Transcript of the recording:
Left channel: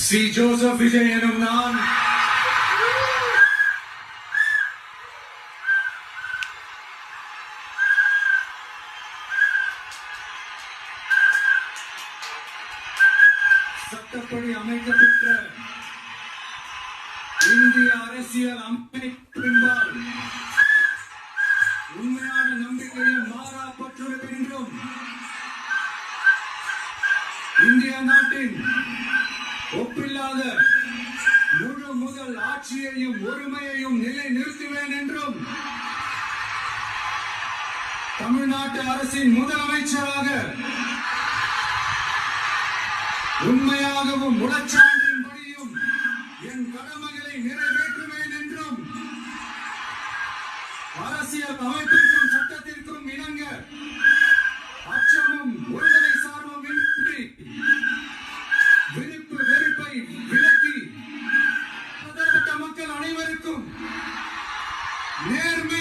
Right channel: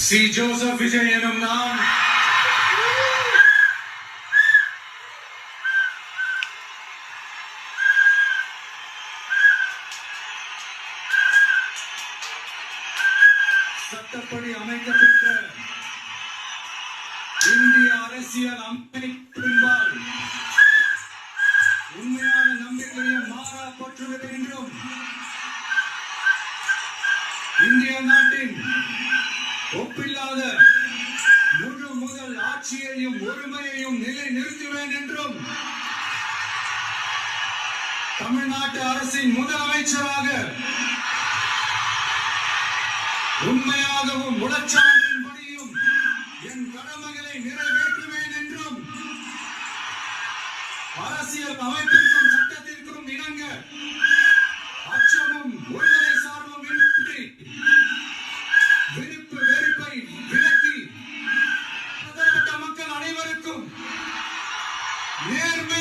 C. Joseph Vijay எனும் நான் சட்டப்படி அமைக்கப்பட்ட இந்திய அரசியல் அமைப்பின்பால் உண்மையான நம்பிக்கையும் மாறா பற்றுதல் என்றும் இந்திய நாட்டின் ஒப்பில்லாத முழு முதல் ஆட்சியையும் ஒருமையையும் நிலை நிறுத்துவேன் என்றும் தமிழ்நாட்டு அரசின் முதலமைச்சராக உண்மையாகவும் உளச்சான்றின்படியும் என் கடமைகளை நிறைவேற்றுவேன் என்றும் அரசியல் அமைப்பிற்கும் சட்டத்திற்கும் இணங்க அச்சமும் ஒருதலை சார்பும் இன்றி விருப்பு வெறுப்பை விலக்கி மக்கள் அனைவருக்கும் நேர்மை